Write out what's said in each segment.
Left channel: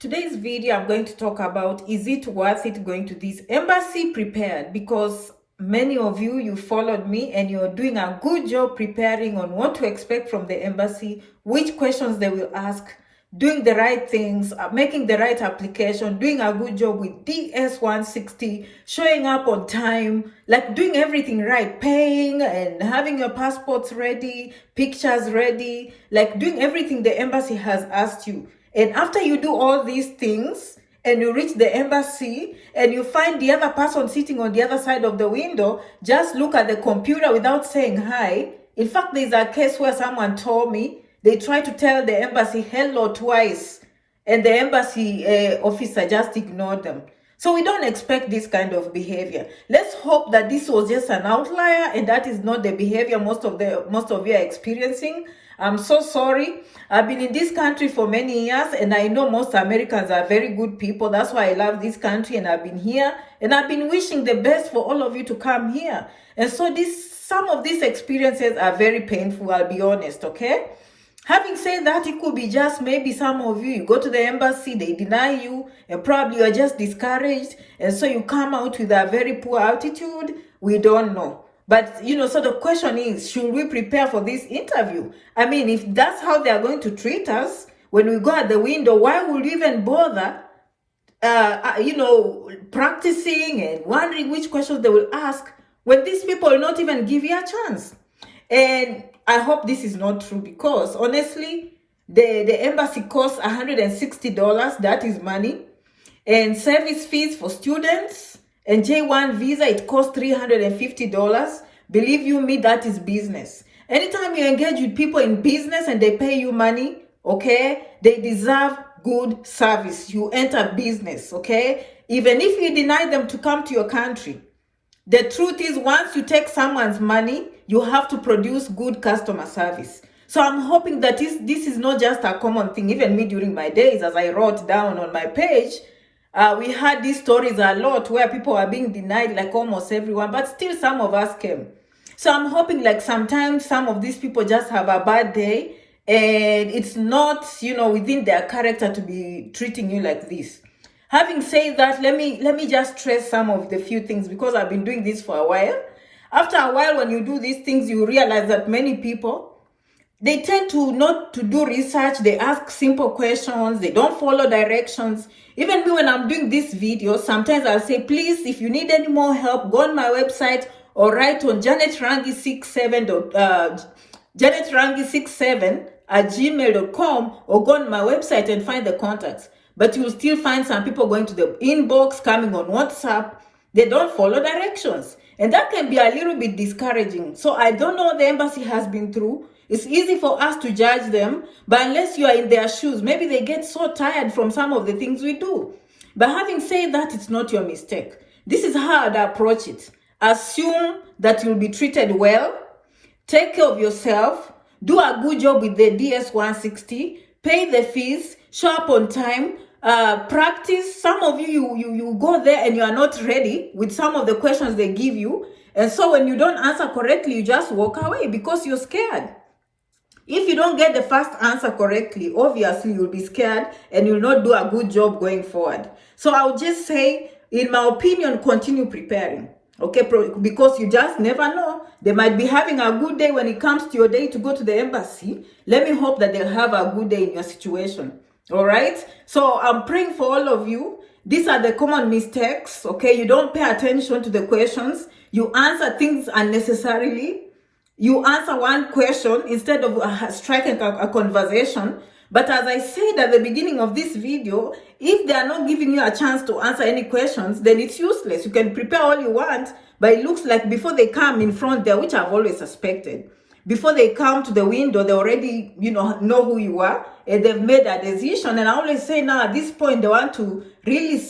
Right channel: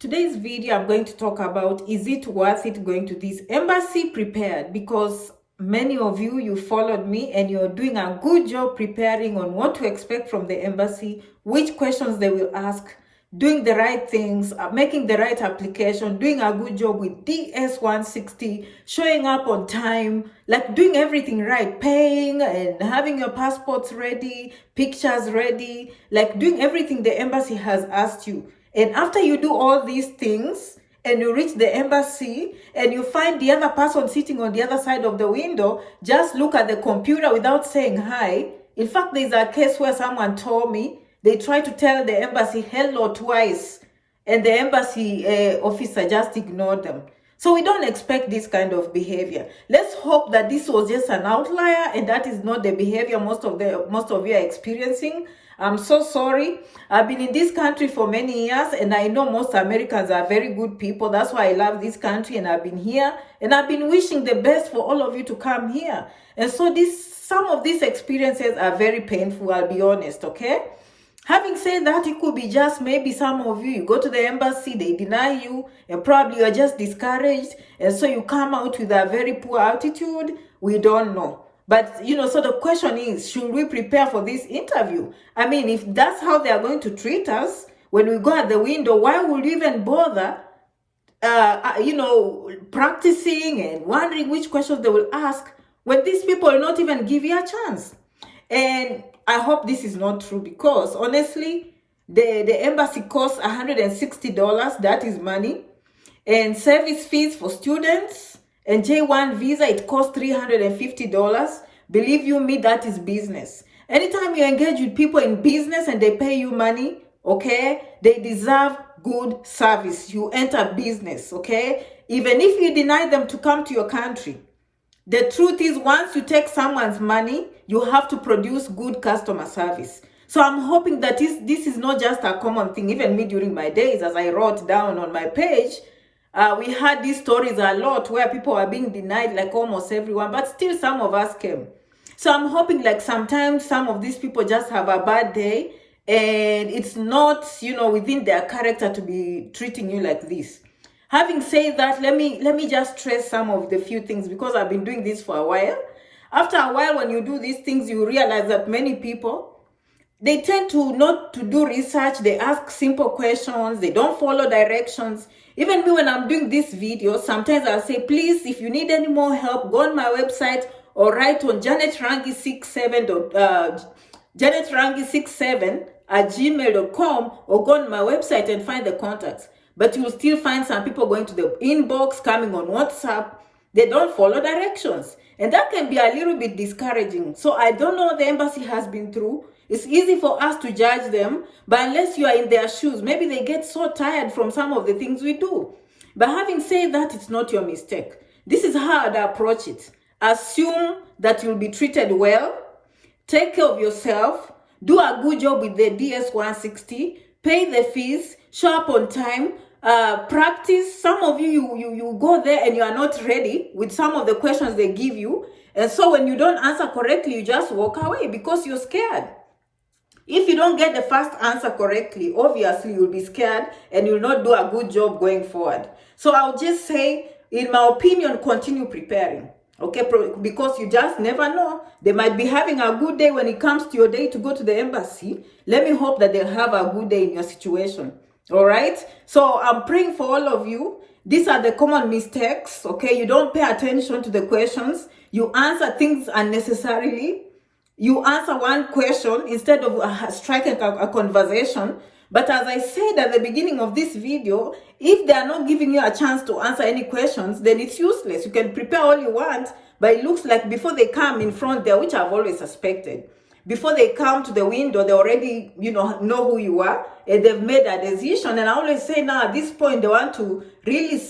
Today's video, I'm going to talk about, is it worth it going to this embassy prepared? Because many of you followed me and you're doing a good job preparing on what to expect from the embassy, which questions they will ask, doing the right things, making the right application, doing a good job with DS-160, showing up on time, like doing everything right, paying and having your passports ready, pictures ready, like doing everything the embassy has asked you. And after you do all these things and you reach the embassy and you find the other person sitting on the other side of the window, just look at the computer without saying hi. In fact, there's a case where someone told me they tried to tell the embassy hello twice and the embassy officer just ignored them. So we don't expect this kind of behavior. Let's hope that this was just an outlier and that is not the behavior most of you are experiencing. I'm so sorry. I've been in this country for many years and I know most Americans are very good people. That's why I love this country and I've been here and I've been wishing the best for all of you to come here. And so some of these experiences are very painful, I'll be honest, okay? Having said that, it could be just maybe some of you go to the embassy, they deny you, and probably you're just discouraged, and so you come out with a very poor attitude. We don't know. But, so the question is, should we prepare for this interview? I mean, if that's how they're going to treat us when we go at the window, why would we even bother, practicing and wondering which questions they will ask when these people will not even give you a chance? And I hope this is not true because honestly, the embassy costs $160. That is money. And service fees for students and J1 visa, it costs $350. Believe you me, that is business. Anytime you engage with people in business and they pay you money, okay, they deserve good service. You enter business, okay? Even if you deny them to come to your country, the truth is, once you take someone's money, you have to produce good customer service. So I'm hoping that this is not just a common thing. Even me during my days, as I wrote down on my page, we had these stories a lot where people are being denied, like almost everyone, but still some of us came. So I'm hoping like sometimes some of these people just have a bad day and it's not, within their character to be treating you like this. Having said that, let me just stress some of the few things because I've been doing this for a while. After a while, when you do these things, you realize that many people, they tend to not to do research. They ask simple questions. They don't follow directions. Even me, when I'm doing this video, sometimes I'll say, please, if you need any more help, go on my website or write on janetrangi67 or go on my website and find the contacts. But you'll still find some people going to the inbox, coming on WhatsApp. They don't follow directions. And that can be a little bit discouraging. So I don't know what the embassy has been through. It's easy for us to judge them. But unless you are in their shoes, maybe they get so tired from some of the things we do. But having said that, it's not your mistake. This is how I'd approach it. Assume that you'll be treated well. Take care of yourself. Do a good job with the DS-160. Pay the fees. Show up on time. Practice. Some of you go there and you are not ready with some of the questions they give you. And so when you don't answer correctly, you just walk away because you're scared. If you don't get the first answer correctly, obviously you'll be scared and you'll not do a good job going forward. So I'll just say, in my opinion, continue preparing. Okay, because you just never know. They might be having a good day when it comes to your day to go to the embassy. Let me hope that they'll have a good day in your situation. All right? So I'm praying for all of you. These are the common mistakes, okay? You don't pay attention to the questions. You answer things unnecessarily. You answer one question instead of striking a conversation. But as I said at the beginning of this video, if they are not giving you a chance to answer any questions, then it's useless. You can prepare all you want, but it looks like before they come in front there, which I've always suspected, before they come to the window, they already, know who you are, and they've made a decision. And I always say now at this point, they want to really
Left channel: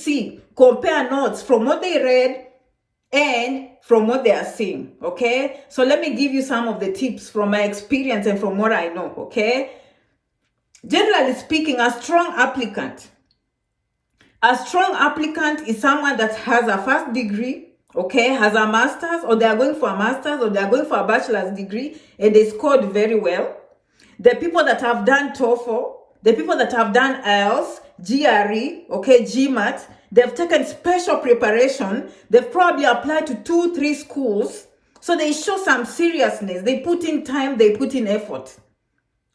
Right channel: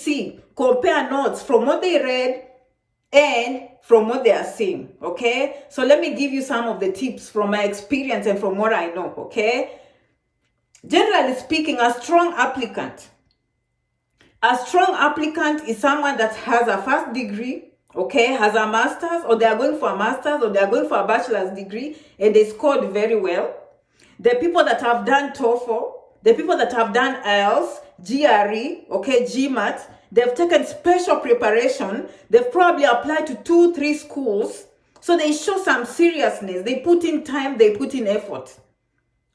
compare notes from what they read and from what they are seeing, okay? So let me give you some of the tips from my experience and from what I know, okay? Generally speaking, a strong applicant is someone that has a first degree, okay, has a master's, or they are going for a master's, or they are going for a bachelor's degree, and they scored very well. The people that have done TOEFL, the people that have done IELTS, GRE, okay, GMAT. They've taken special preparation. They've probably applied to 2-3 schools. So they show some seriousness. They put in time, they put in effort.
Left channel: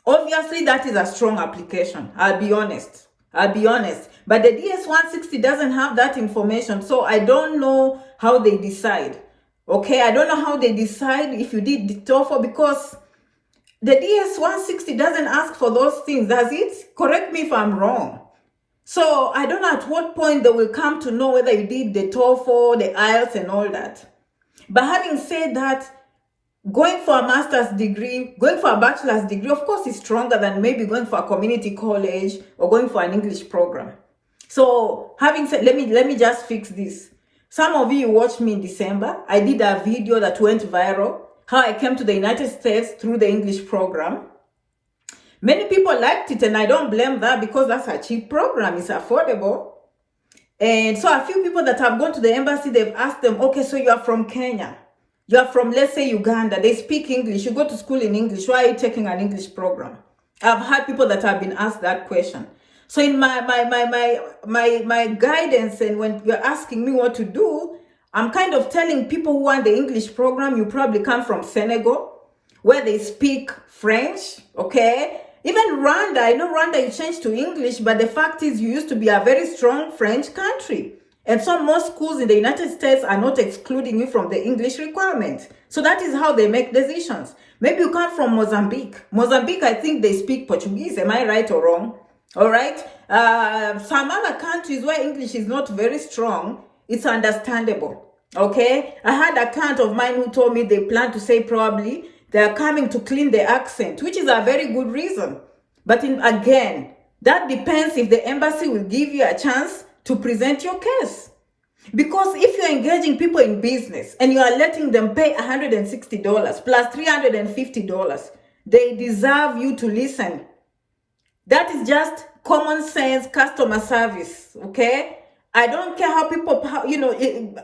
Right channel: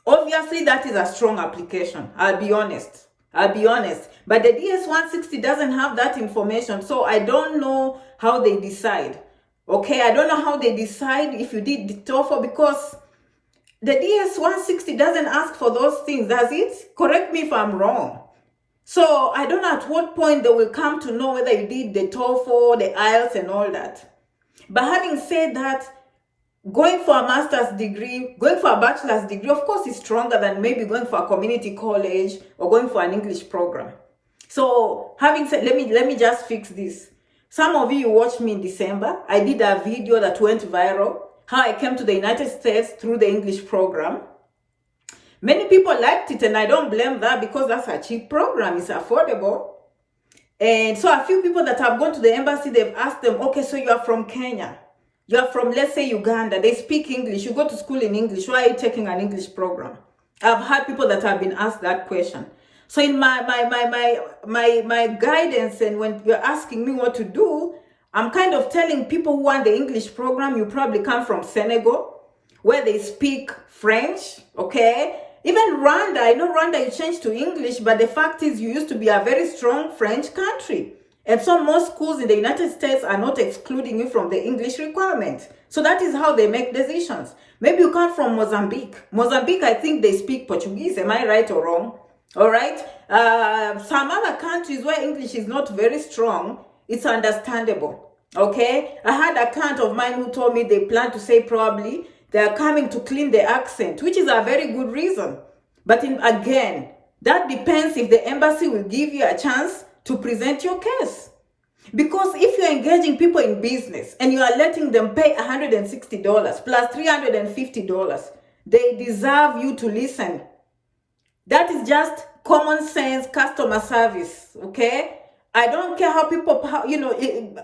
Obviously, that is a strong application. I'll be honest. But the DS-160 doesn't have that information. So I don't know how they decide. Okay, I don't know how they decide if you did the TOEFL, because the DS-160 doesn't ask for those things, does it? Correct me if I'm wrong. So I don't know at what point they will come to know whether you did the TOEFL, the IELTS and all that. But having said that, going for a master's degree, going for a bachelor's degree, of course, is stronger than maybe going for a community college or going for an English program. So having said, let me just fix this. Some of you watched me in December. I did a video that went viral, how I came to the United States through the English program. Many people liked it, and I don't blame that, because that's a cheap program. It's affordable. And so a few people that have gone to the embassy, they've asked them, okay, so you are from Kenya. You are from, let's say, Uganda. They speak English. You go to school in English. Why are you taking an English program? I've had people that have been asked that question. So in my guidance, and when you're asking me what to do, I'm kind of telling people who want the English program, you probably come from Senegal, where they speak French, okay? Even Rwanda, I know Rwanda, you changed to English, but the fact is you used to be a very strong French country. And so most schools in the United States are not excluding you from the English requirement. So that is how they make decisions. Maybe you come from Mozambique. Mozambique, I think they speak Portuguese. Am I right or wrong? All right. Some other countries where English is not very strong, it's understandable. Okay. I had a client of mine who told me they plan to say probably they're coming to clean the accent, which is a very good reason. But again, that depends if the embassy will give you a chance to present your case. Because if you're engaging people in business and you are letting them pay $160 plus $350, they deserve you to listen. That is just common sense customer service, okay? I don't care how people,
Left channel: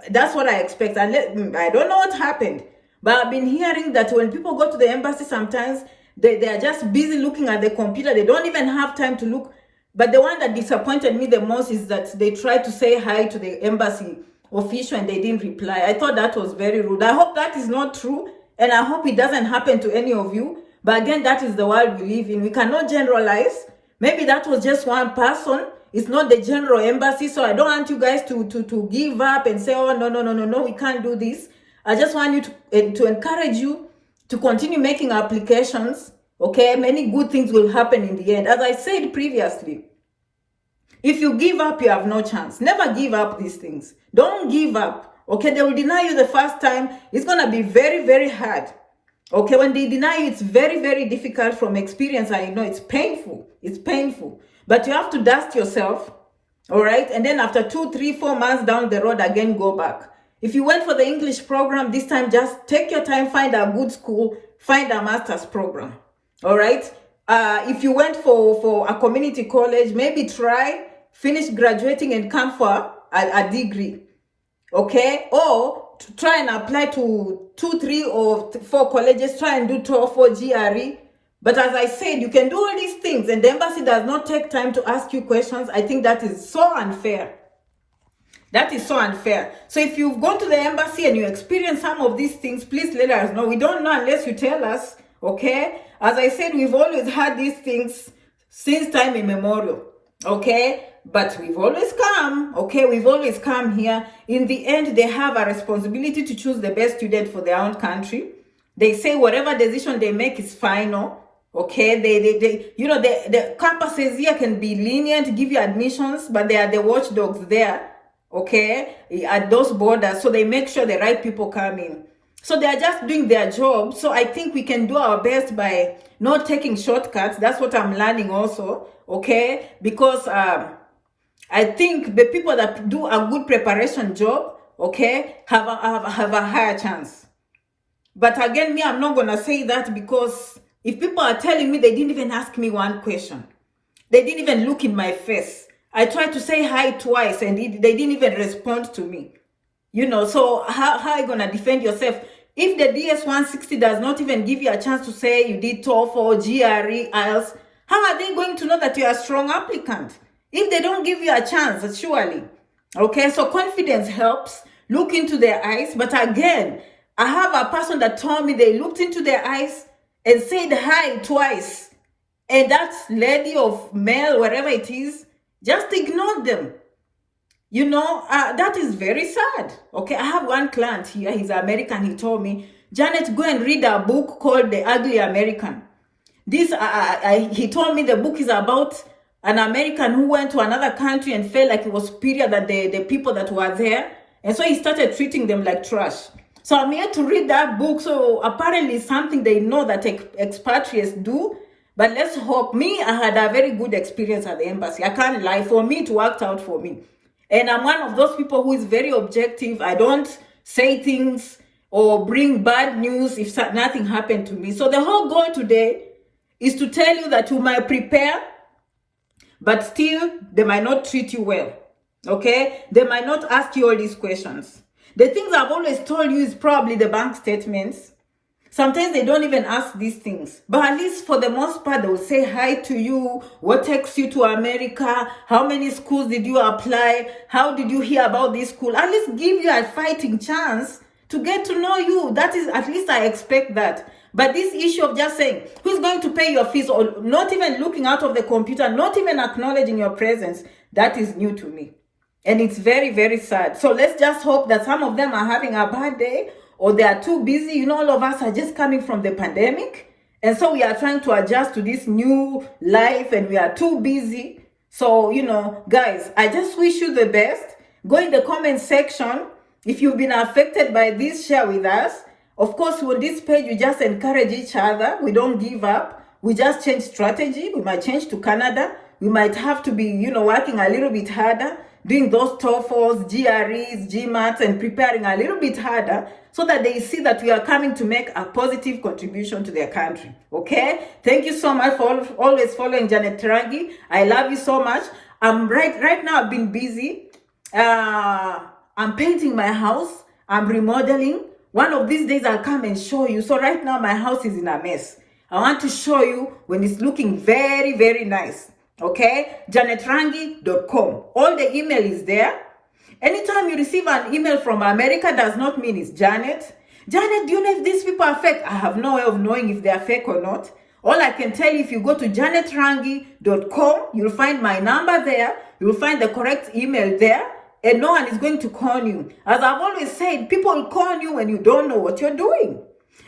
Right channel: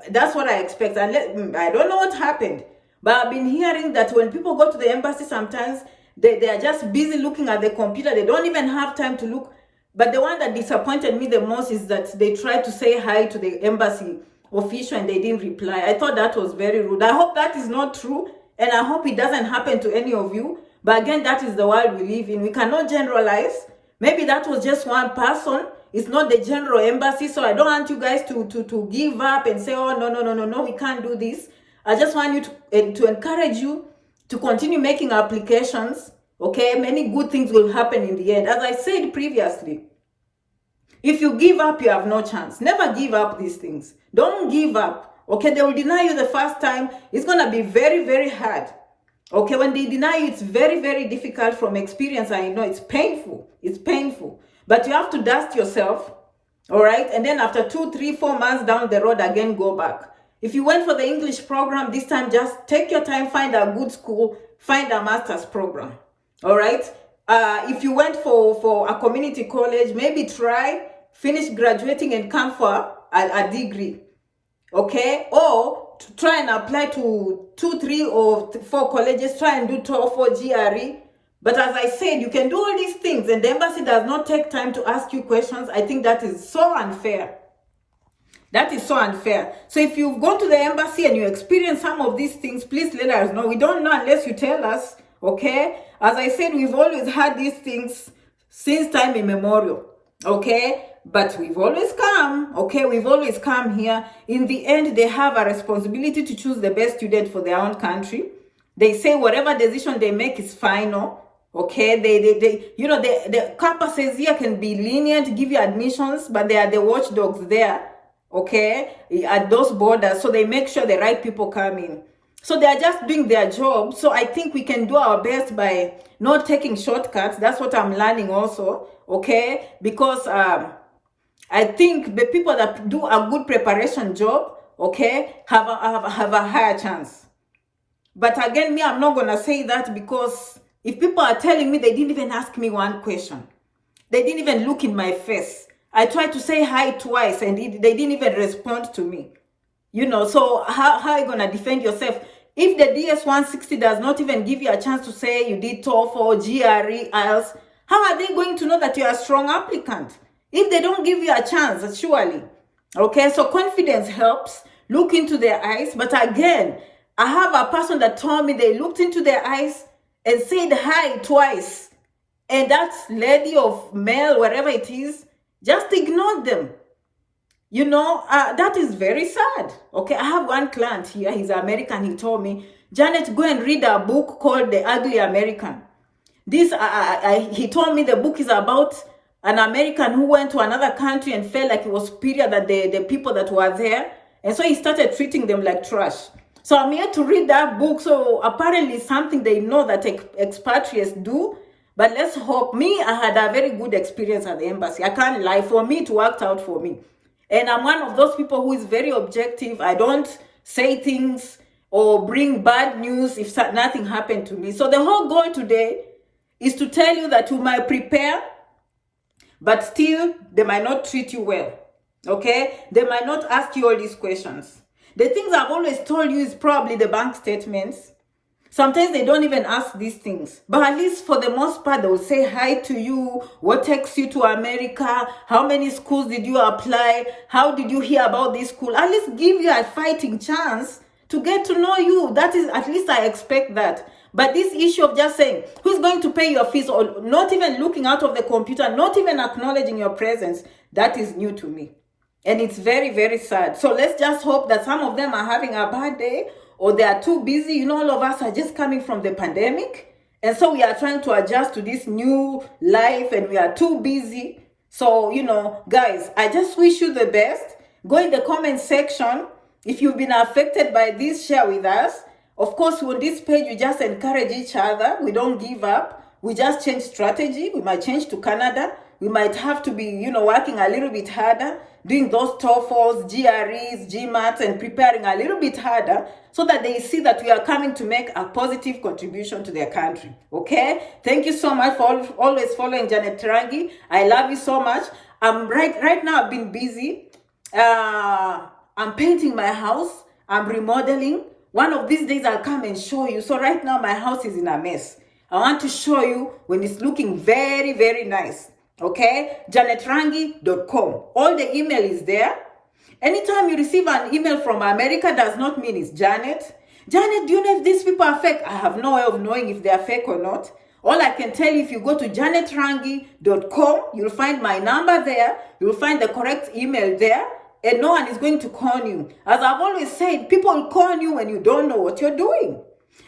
that's what I expect. I don't know what happened, but I've been hearing that when people go to the embassy, sometimes they are just busy looking at the computer. They don't even have time to look. But the one that disappointed me the most is that they tried to say hi to the embassy official and they didn't reply. I thought that was very rude. I hope that is not true, and I hope it doesn't happen to any of you. But again, that is the world we live in. We cannot generalize. Maybe that was just one person. It's not the general embassy. So I don't want you guys to give up and say, oh, no, we can't do this. I just want you to encourage you to continue making applications. Okay, many good things will happen in the end. As I said previously, if you give up, you have no chance. Never give up these things. Don't give up. Okay, they will deny you the first time. It's going to be very, very hard. Okay, when they deny you, it's very, very difficult. From experience, I know it's painful. It's painful. But you have to dust yourself, all right? And then after 2, 3, 4 months down the road, again, go back. If you went for the English program, this time just take your time, find a good school, find a master's program, all right? If you went for a community college, maybe try, finish graduating and come for a degree, okay? Or to try and apply to 2, 3, or 4 colleges, try and do TOEFL, GRE. But as I said, you can do all these things and the embassy does not take time to ask you questions. I think that is so unfair. That is so unfair. So if you've gone to the embassy and you experience some of these things, please let us know. We don't know unless you tell us, okay? As I said, we've always had these things since time immemorial, okay? But we've always come, okay? We've always come here. In the end, they have a responsibility to choose the best student for their own country. They say whatever decision they make is final, okay? The campuses here can be lenient, give you admissions, but they are the watchdogs there, okay, at those borders. So they make sure the right people come in. So they are just doing their job. So I think we can do our best by not taking shortcuts. That's what I'm learning also, okay? Because I think the people that do a good preparation job, okay, have a higher chance. But again, me, I'm not going to say that, because if people are telling me they didn't even ask me one question, they didn't even look in my face. I tried to say hi twice and they didn't even respond to me. So how are you going to defend yourself? If the DS-160 does not even give you a chance to say you did TOEFL, GRE, IELTS, how are they going to know that you're a strong applicant? if they don't give you a chance, surely. Okay, so confidence helps. Look into their eyes. But again, I have a person that told me they looked into their eyes and said hi twice. And that lady of male, wherever it is, just ignored them. You know, that is very sad. Okay, I have one client here. He's American. He told me, Janet, go and read a book called The Ugly American. This, he told me the book is about an American who went to another country and felt like it was superior than the people that were there. And so he started treating them like trash. So I'm here to read that book. So apparently it's something they know that expatriates do. But let's hope. Me, I had a very good experience at the embassy. I can't lie. For me, it worked out for me. And I'm one of those people who is very objective. I don't say things or bring bad news if nothing happened to me. So the whole goal today is to tell you that you might prepare, but still they might not treat you well. Okay? They might not ask you all these questions. The things I've always told you is probably the bank statements. Sometimes they don't even ask these things. But at least for the most part, they will say hi to you. What takes you to America? How many schools did you apply? How did you hear about this school? At least give you a fighting chance to get to know you. That is, at least I expect that. But this issue of just saying, who's going to pay your fees, or not even looking out of the computer, not even acknowledging your presence, that is new to me. And it's very, very sad. So let's just hope that some of them are having a bad day, or they are too busy. You know, all of us are just coming from the pandemic. And so we are trying to adjust to this new life and we are too busy. So, you know, guys, I just wish you the best. Go in the comment section. If you've been affected by this, share with us. Of course, on this page, we just encourage each other. We don't give up. We just change strategy. We might change to Canada. We might have to be, you know, working a little bit harder, doing those TOEFLs, GREs, GMATs, and preparing a little bit harder so that they see that we are coming to make a positive contribution to their country. Okay? Thank you so much for always following Janet Rangi. I love you so much. Right now, I've been busy. I'm painting my house. I'm remodeling. One of these days, I'll come and show you. So right now, my house is in a mess. I want to show you when it's looking very, very nice. Okay? JanetRangi.com. All the email is there. Anytime you receive an email from America, does not mean it's Janet. Janet, do you know if these people are fake? I have no way of knowing if they are fake or not. All I can tell you, if you go to JanetRangi.com, you'll find my number there. You'll find the correct email there. And no one is going to con you. As I've always said, people con you when you don't know what you're doing.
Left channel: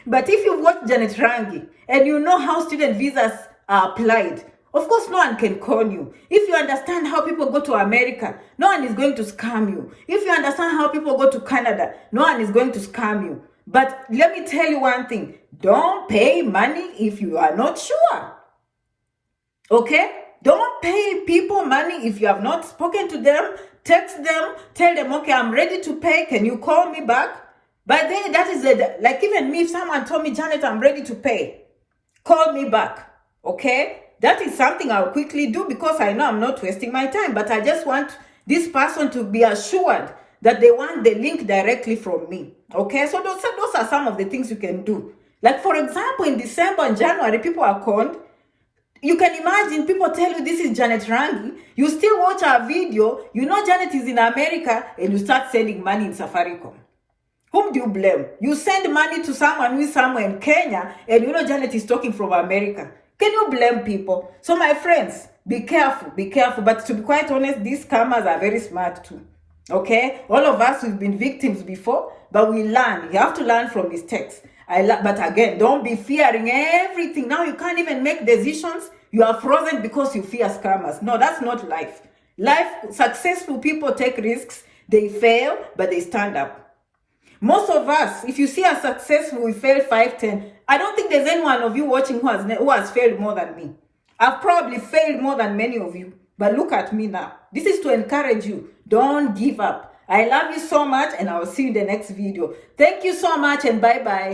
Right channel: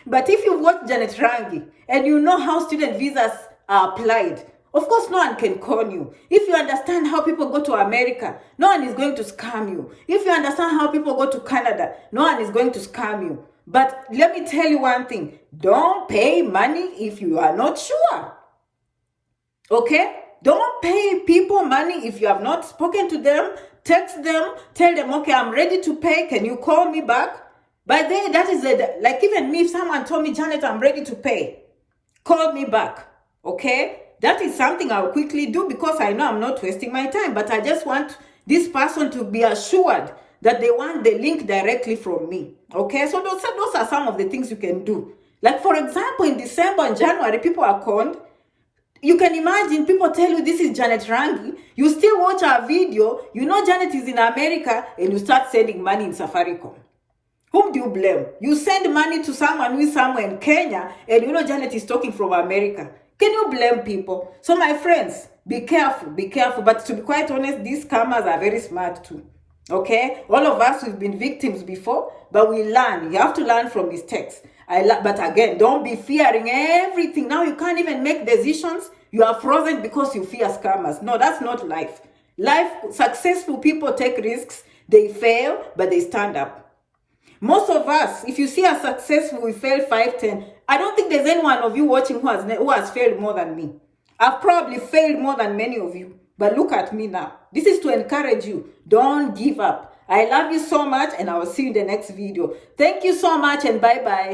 But if you've watched Janet Rangi and you know how student visas are applied, of course, no one can con you. If you understand how people go to America, no one is going to scam you. If you understand how people go to Canada, no one is going to scam you. But let me tell you one thing. Don't pay money if you are not sure. Okay? Don't pay people money if you have not spoken to them. Text them. Tell them, okay, I'm ready to pay. Can you call me back? By then, that is it. Like even me, if someone told me, Janet, I'm ready to pay, call me back. Okay? That is something I'll quickly do because I know I'm not wasting my time. But I just want this person to be assured that they want the link directly from me. Okay? So those are some of the things you can do. Like, for example, in December and January, people are conned. You can imagine people tell you this is Janet Rangi. You still watch our video. You know Janet is in America and you start sending money in Safaricom. Whom do you blame? You send money to someone who is somewhere in Kenya and you know Janet is talking from America. Can you blame people? So my friends, be careful, be careful. But to be quite honest, these scammers are very smart too. Okay? All of us, we've been victims before, but we learn. You have to learn from mistakes. But again, don't be fearing everything. Now you can't even make decisions. You are frozen because you fear scammers. No, that's not life. Life, successful people take risks. They fail, but they stand up. Most of us, if you see us successful, we fail 5, 10. I don't think there's any one of you watching who has failed more than me. I've probably failed more than many of you. But look at me now. This is to encourage you. Don't give up. I love you so much and I will see you in the next video. Thank you so much and bye-bye.